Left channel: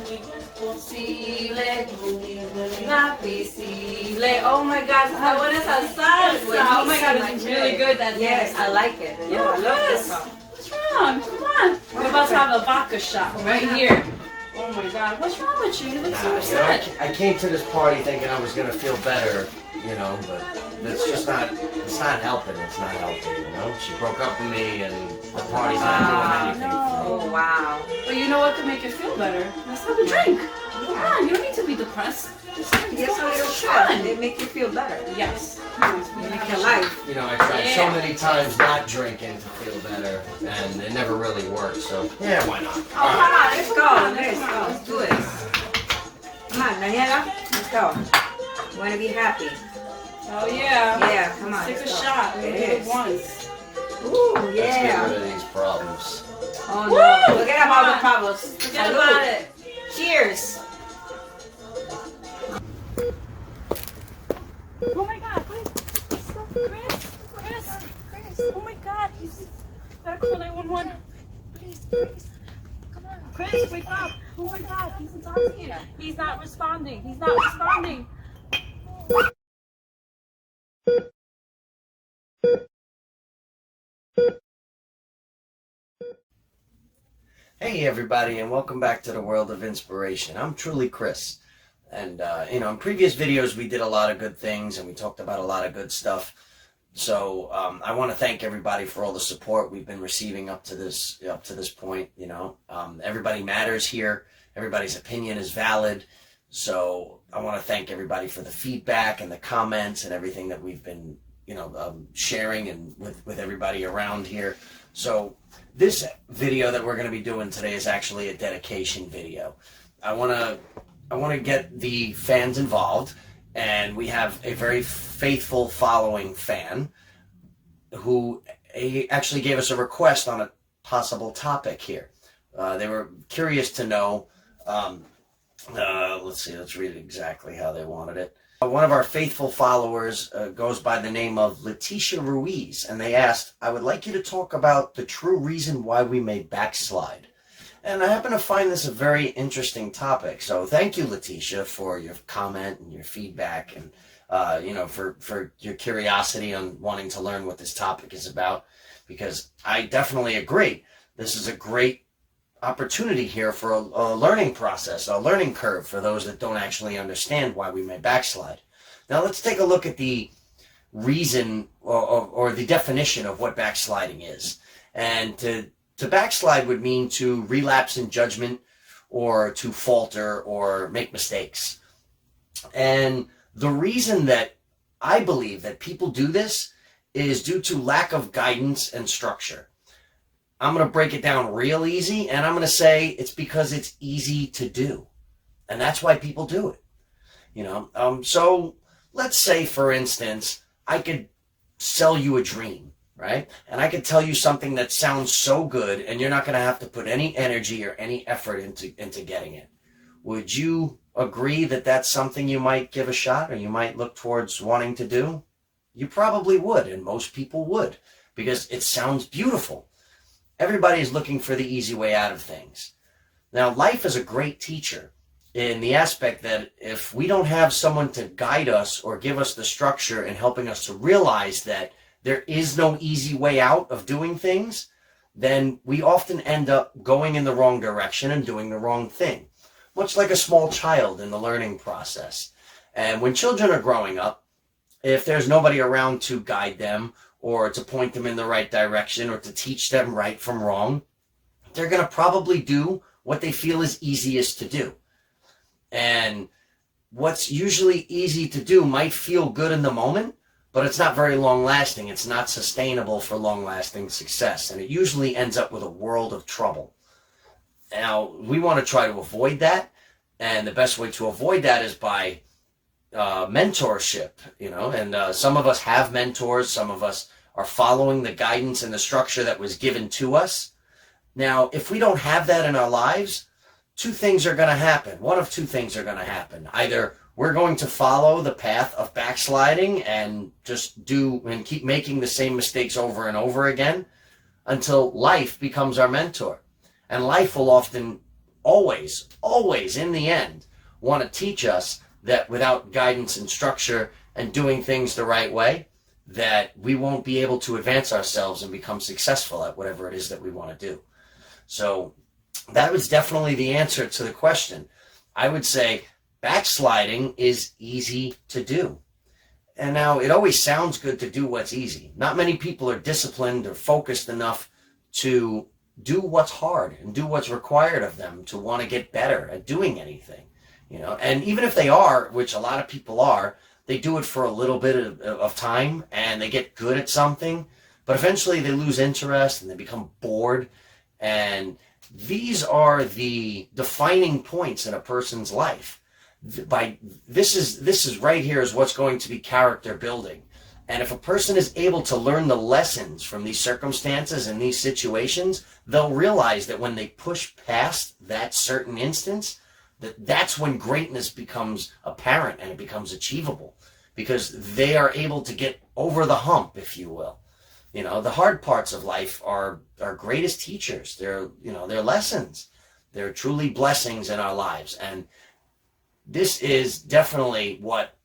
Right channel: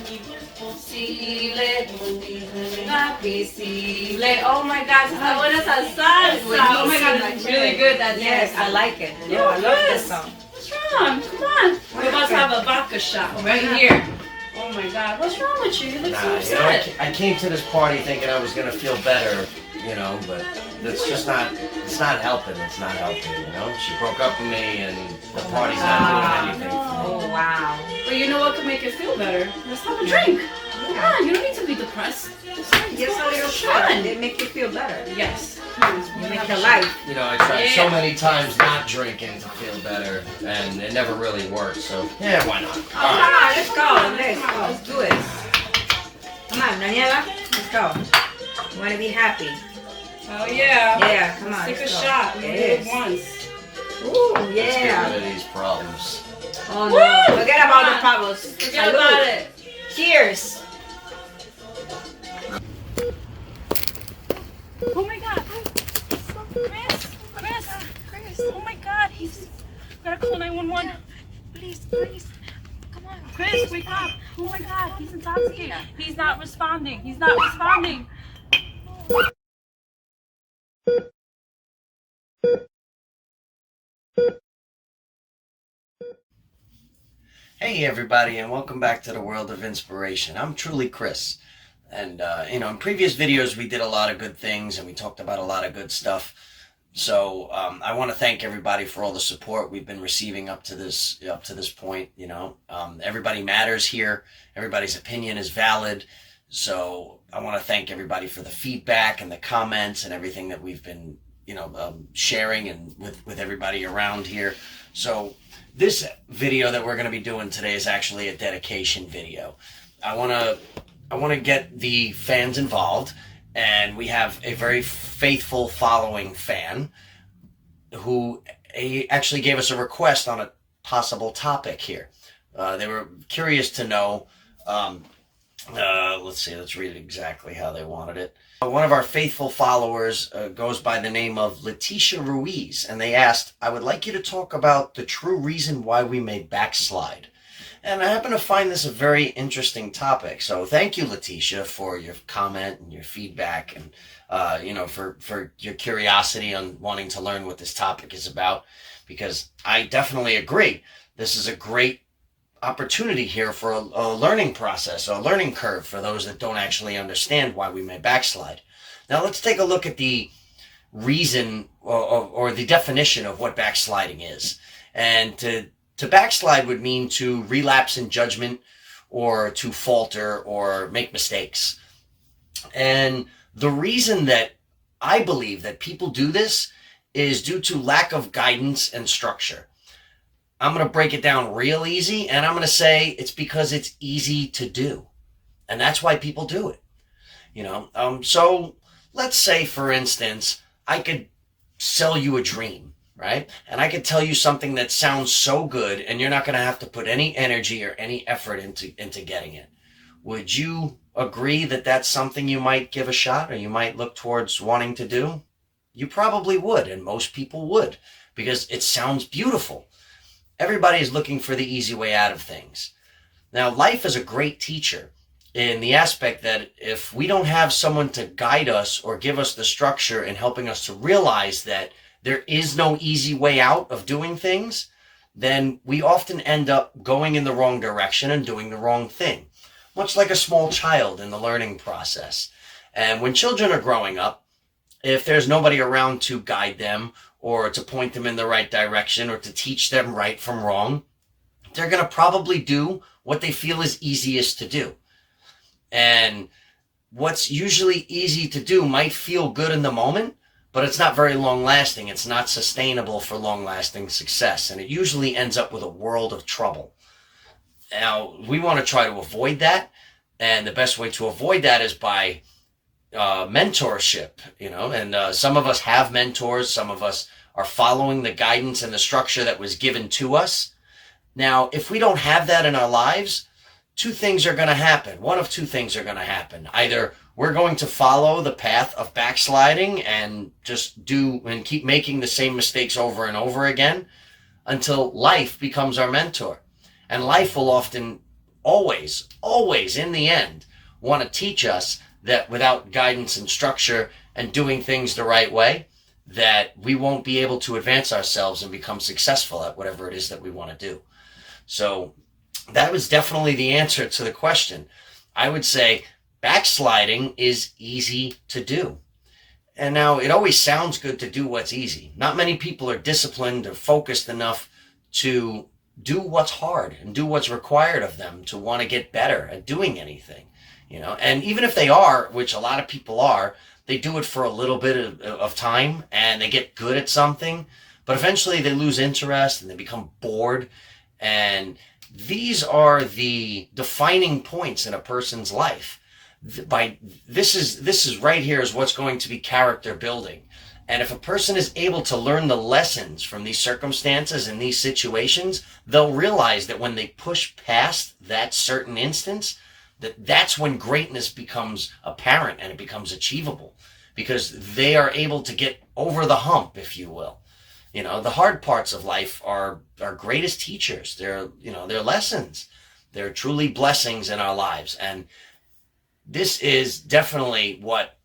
Oh my God, esa buena esa salsa. Oh my God, it's really good. That Yes, I like it. Yeah, I love this song. What's wrong? Come on. We're about to have a vodka shot right here. Oh my God, what's wrong with you? You look so upset. I came to this party thinking I was gonna feel better, but it's just not. It's not helping. It's not helping. She broke up with me, and the party's not doing anything for me. Oh, wow. But you know what could make you feel better? Let's have a drink. Come on, you don't need to be depressed. Just Yes, a little fun. They make you feel better. Yes. You make your life. I tried so many times not drinking to feel better, and it never really worked. So yeah, why not? Come on, let's go. Let's do it. Come on, Daniela, let's go. You want to be happy? Oh yeah. Yeah, come on. Let's take a go. shot. We do it once. Ooh, Let's get yeah. rid of these problems. Oh Woo! no, forget about the problems. Forget Salud. about it. Cheers. Oh my God. Chris. Oh my God. He's gotta call 911. Please. Come on. Chris, wake up. Oh my God. He's intoxicated. He's not responding. Hey everybody, and welcome back to the World of Inspiration. I'm truly Chris. And in previous videos we did a lot of good things and we talked about a lot of good stuff. So I want to thank everybody for all the support we've been receiving up to this point. Everybody matters here. Everybody's opinion is valid. So I want to thank everybody for the feedback and the comments and everything that we've been sharing and with everybody around here. So this video that we're going to be doing today is actually a dedication video. I want to get the fans involved, and we have a very faithful following fan who actually gave us a request on a possible topic here. They were curious to know, let's read it exactly how they wanted it. One of our faithful followers goes by the name of Leticia Ruiz, and they asked, I would like you to talk about the true reason why we may backslide. And I happen to find this a very interesting topic. So thank you, Leticia, for your comment and your feedback and, for your curiosity on wanting to learn what this topic is about, because I definitely agree. This is a great opportunity here for a learning process, a learning curve for those that don't actually understand why we may backslide. Now let's take a look at the reason or the definition of what backsliding is. And to backslide would mean to relapse in judgment or to falter or make mistakes. And the reason that I believe that people do this is due to lack of guidance and structure. I'm going to break it down real easy, and I'm going to say it's because it's easy to do. And that's why people do it. So let's say, for instance, I could sell you a dream, right? And I could tell you something that sounds so good, and you're not going to have to put any energy or any effort into getting it. Would you agree that that's something you might give a shot or you might look towards wanting to do? You probably would, and most people would, because it sounds beautiful. Everybody is looking for the easy way out of things. Now, life is a great teacher in the aspect that if we don't have someone to guide us or give us the structure and helping us to realize that there is no easy way out of doing things, then we often end up going in the wrong direction and doing the wrong thing, much like a small child in the learning process. And when children are growing up, if there's nobody around to guide them or to point them in the right direction or to teach them right from wrong, they're going to probably do what they feel is easiest to do. And what's usually easy to do might feel good in the moment, but it's not very long lasting. It's not sustainable for long lasting success. And it usually ends up with a world of trouble. Now, we want to try to avoid that. And the best way to avoid that is by mentorship, and some of us have mentors. Some of us are following the guidance and the structure that was given to us. Now, if we don't have that in our lives, two things are going to happen. One of two things are going to happen. Either we're going to follow the path of backsliding and just do and keep making the same mistakes over and over again until life becomes our mentor. And life will often always in the end want to teach us that without guidance and structure and doing things the right way, that we won't be able to advance ourselves and become successful at whatever it is that we want to do. So that was definitely the answer to the question. I would say backsliding is easy to do. And now it always sounds good to do what's easy. Not many people are disciplined or focused enough to do what's hard and do what's required of them to want to get better at doing anything, and even if they are, which a lot of people are, they do it for a little bit of time and they get good at something, but eventually they lose interest and they become bored. And these are the defining points in a person's life. This is right here is what's going to be character building. And if a person is able to learn the lessons from these circumstances and these situations, they'll realize that when they push past that certain instance, that's when greatness becomes apparent and it becomes achievable, because they are able to get over the hump, if you will. The hard parts of life are our greatest teachers. They're lessons. They're truly blessings in our lives. And this is definitely what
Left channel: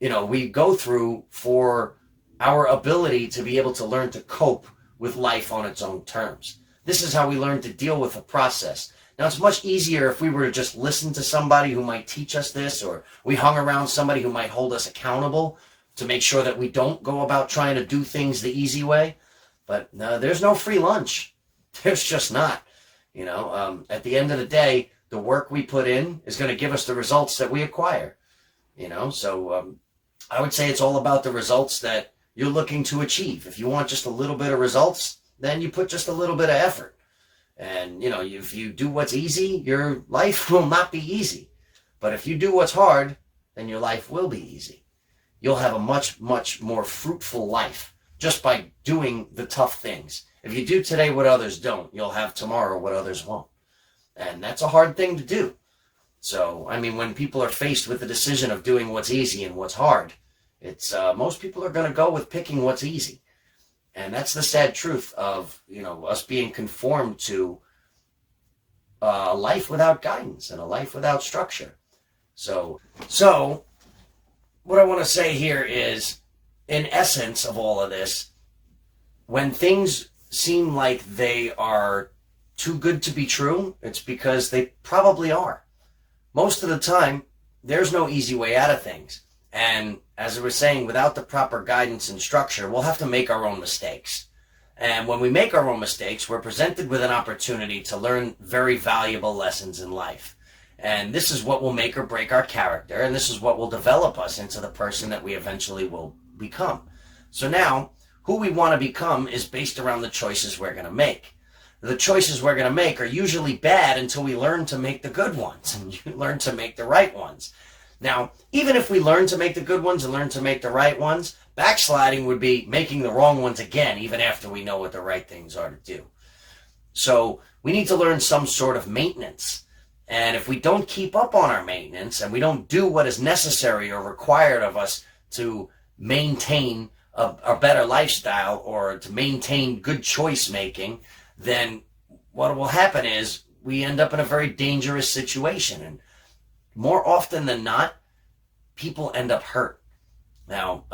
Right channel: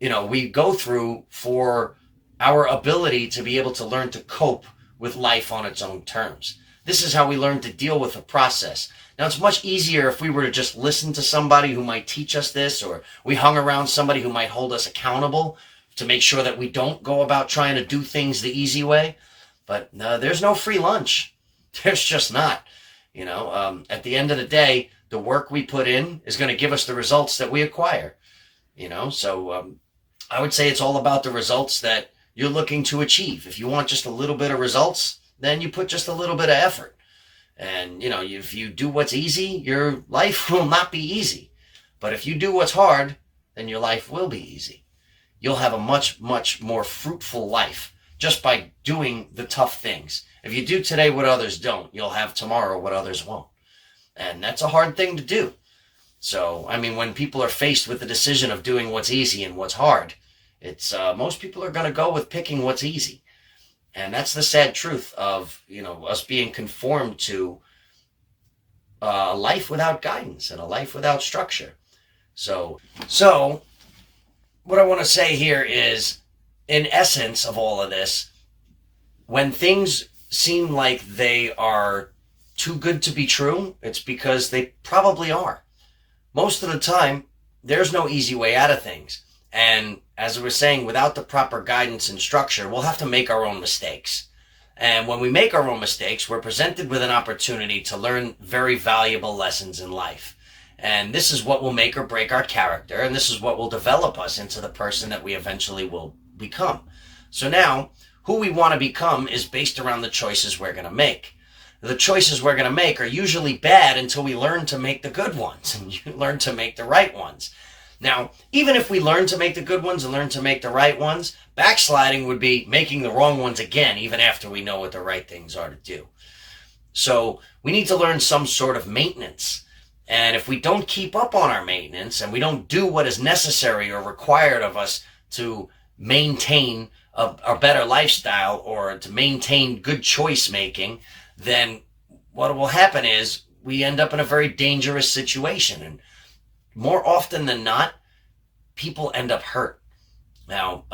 we go through for our ability to be able to learn to cope with life on its own terms. This is how we learn to deal with the process. Now, it's much easier if we were to just listen to somebody who might teach us this, or we hung around somebody who might hold us accountable to make sure that we don't go about trying to do things the easy way. But there's no free lunch. There's just not. At the end of the day, the work we put in is going to give us the results that we acquire. So I would say it's all about the results that you're looking to achieve. If you want just a little bit of results, then you put just a little bit of effort. And, if you do what's easy, your life will not be easy. But if you do what's hard, then your life will be easy. You'll have a much, much more fruitful life just by doing the tough things. If you do today what others don't, you'll have tomorrow what others won't. And that's a hard thing to do. So, when people are faced with the decision of doing what's easy and what's hard, it's most people are going to go with picking what's easy. And that's the sad truth of, us being conformed to a life without guidance and a life without structure. So what I want to say here is, in essence of all of this, when things seem like they are too good to be true, it's because they probably are. Most of the time, there's no easy way out of things. And as I was saying, without the proper guidance and structure, we'll have to make our own mistakes. And when we make our own mistakes, we're presented with an opportunity to learn very valuable lessons in life. And this is what will make or break our character, and this is what will develop us into the person that we eventually will become. So now, who we want to become is based around the choices we're going to make. The choices we're going to make are usually bad until we learn to make the good ones, and you learn to make the right ones. Now, even if we learn to make the good ones and learn to make the right ones, backsliding would be making the wrong ones again, even after we know what the right things are to do. So we need to learn some sort of maintenance. And if we don't keep up on our maintenance and we don't do what is necessary or required of us to maintain a better lifestyle or to maintain good choice making, then what will happen is we end up in a very dangerous situation. And more often than not, people end up hurt. Now,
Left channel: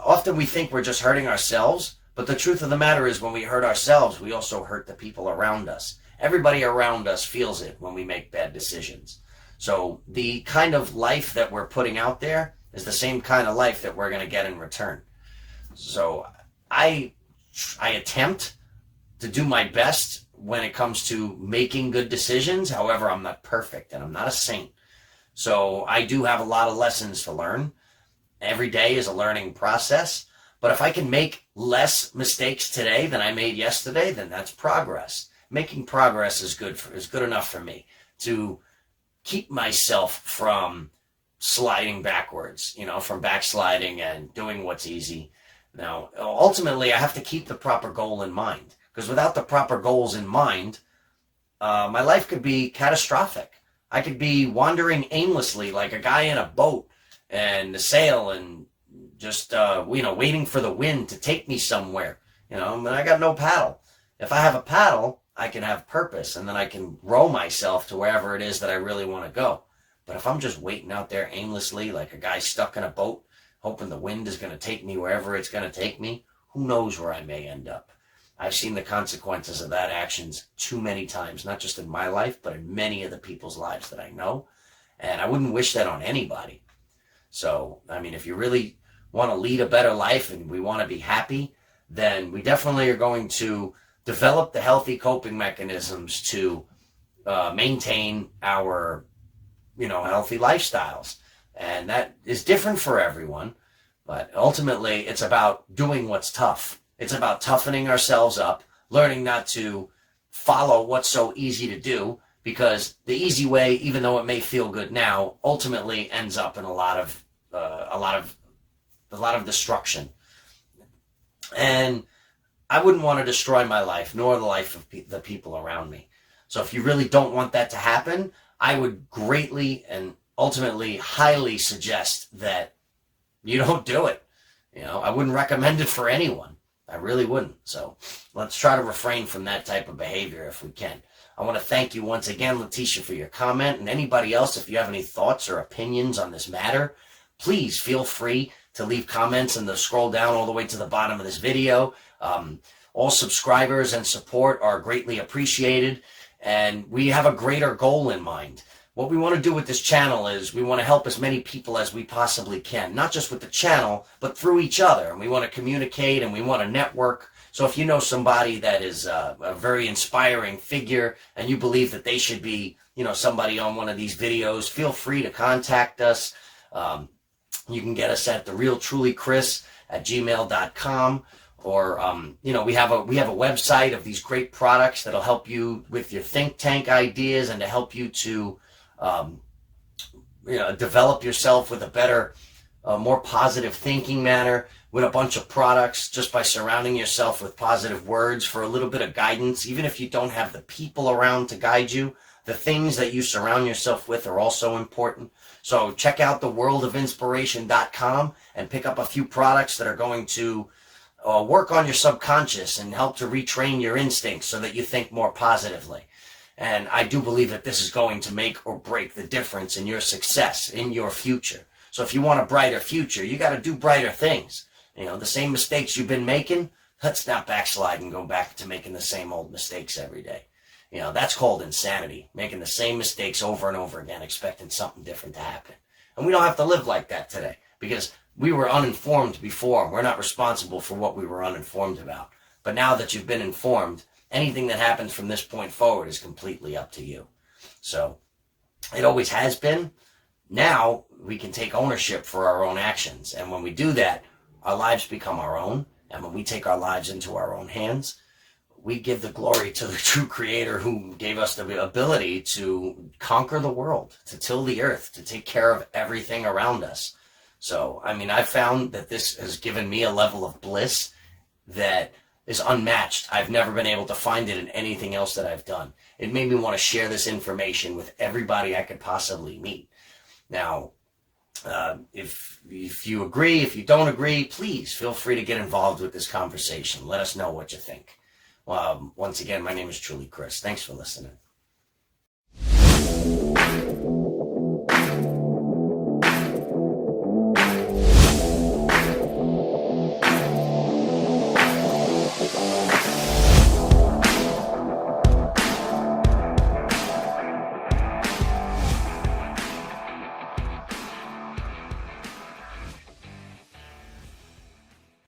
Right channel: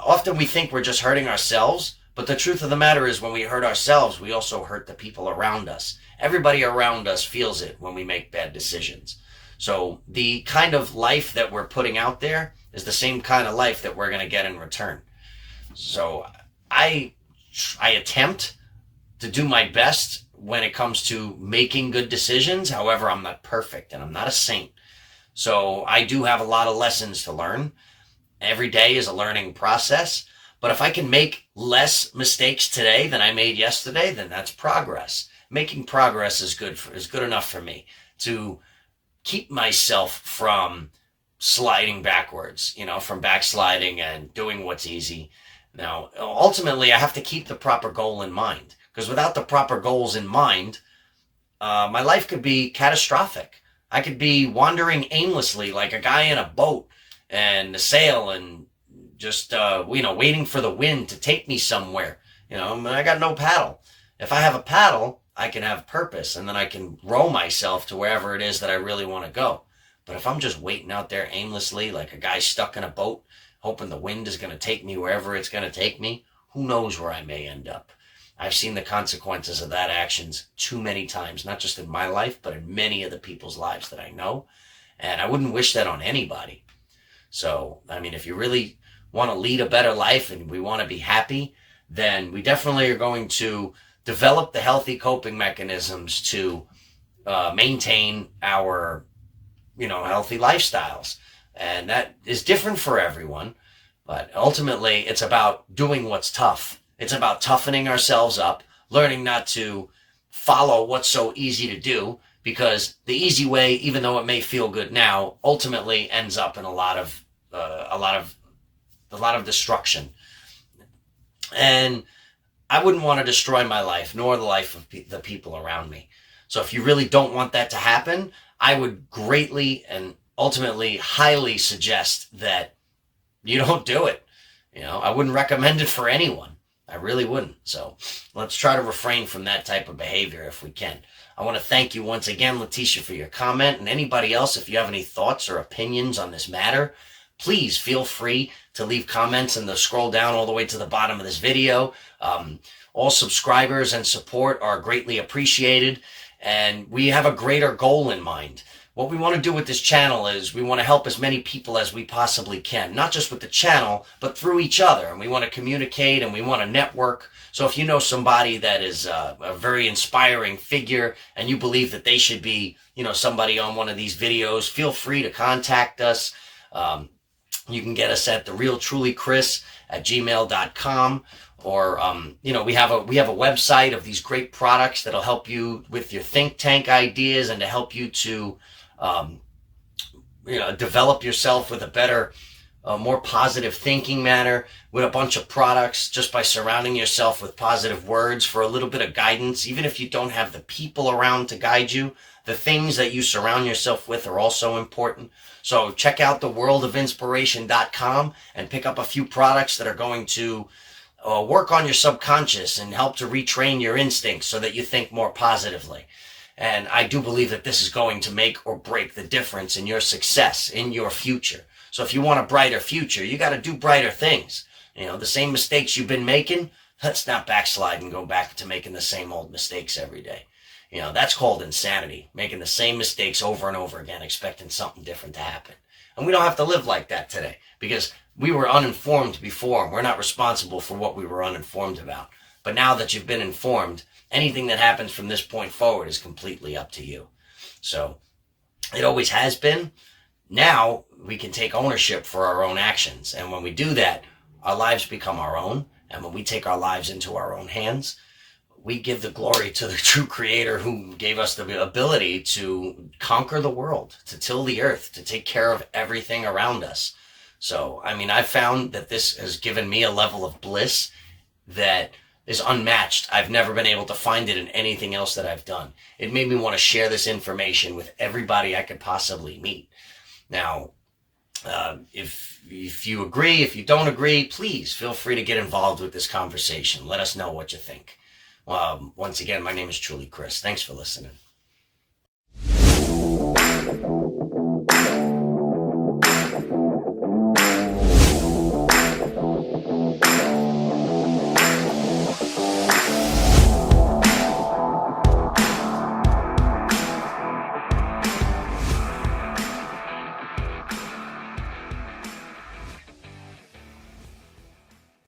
often we think we're just hurting ourselves, but the truth of the matter is when we hurt ourselves, we also hurt the people around us. Everybody around us feels it when we make bad decisions. So the kind of life that we're putting out there is the same kind of life that we're going to get in return. So I attempt to do my best when it comes to making good decisions. However, I'm not perfect and I'm not a saint. So I do have a lot of lessons to learn. Every day is a learning process. But if I can make less mistakes today than I made yesterday, then that's progress. Making progress is good enough for me to keep myself from sliding backwards, from backsliding and doing what's easy. Now, ultimately, I have to keep the proper goal in mind, because without the proper goals in mind, my life could be catastrophic. I could be wandering aimlessly like a guy in a boat and a sail and just, waiting for the wind to take me somewhere. I got no paddle. If I have a paddle, I can have purpose, and then I can grow myself to wherever it is that I really want to go. But if I'm just waiting out there aimlessly, like a guy stuck in a boat, hoping the wind is going to take me wherever it's going to take me, who knows where I may end up. I've seen the consequences of that actions too many times, not just in my life, but in many of the people's lives that I know. And I wouldn't wish that on anybody. So, I mean, if you really want to lead a better life and we want to be happy, then we definitely are going to develop the healthy coping mechanisms to maintain our, healthy lifestyles. And that is different for everyone. But ultimately, it's about doing what's tough. It's about toughening ourselves up, learning not to follow what's so easy to do, because the easy way, even though it may feel good now, ultimately ends up in a lot of destruction. And I wouldn't want to destroy my life, nor the life of the people around me. So if you really don't want that to happen, I would greatly and ultimately highly suggest that you don't do it. I wouldn't recommend it for anyone. I really wouldn't. So let's try to refrain from that type of behavior if we can. I want to thank you once again, Letitia, for your comment. And anybody else, if you have any thoughts or opinions on this matter, please feel free to leave comments and scroll down all the way to the bottom of this video. All subscribers and support are greatly appreciated. And we have a greater goal in mind. What we want to do with this channel is we want to help as many people as we possibly can, not just with the channel, but through each other. And we want to communicate and we want to network. So if you know somebody that is a very inspiring figure and you believe that they should be, somebody on one of these videos, feel free to contact us. You can get us at therealtrulychris@gmail.com. Or, we have a website of these great products that'll help you with your think tank ideas and to help you to develop yourself with a better, more positive thinking manner, with a bunch of products, just by surrounding yourself with positive words for a little bit of guidance. Even if you don't have the people around to guide you, the things that you surround yourself with are also important. So check out theworldofinspiration.com and pick up a few products that are going to work on your subconscious and help to retrain your instincts so that you think more positively. And I do believe that this is going to make or break the difference in your success, in your future. So if you want a brighter future, you got to do brighter things. The same mistakes you've been making, let's not backslide and go back to making the same old mistakes every day. That's called insanity, making the same mistakes over and over again, expecting something different to happen. And we don't have to live like that today, because we were uninformed before. We're not responsible for what we were uninformed about. But now that you've been informed, anything that happens from this point forward is completely up to you. So it always has been. Now we can take ownership for our own actions. And when we do that, our lives become our own. And when we take our lives into our own hands, we give the glory to the true creator who gave us the ability to conquer the world, to till the earth, to take care of everything around us. So, I found that this has given me a level of bliss that is unmatched. I've never been able to find it in anything else that I've done. It made me want to share this information with everybody I could possibly meet. Now, if you agree, if you don't agree, please feel free to get involved with this conversation. Let us know what you think. Once again, my name is truly Chris. Thanks for listening.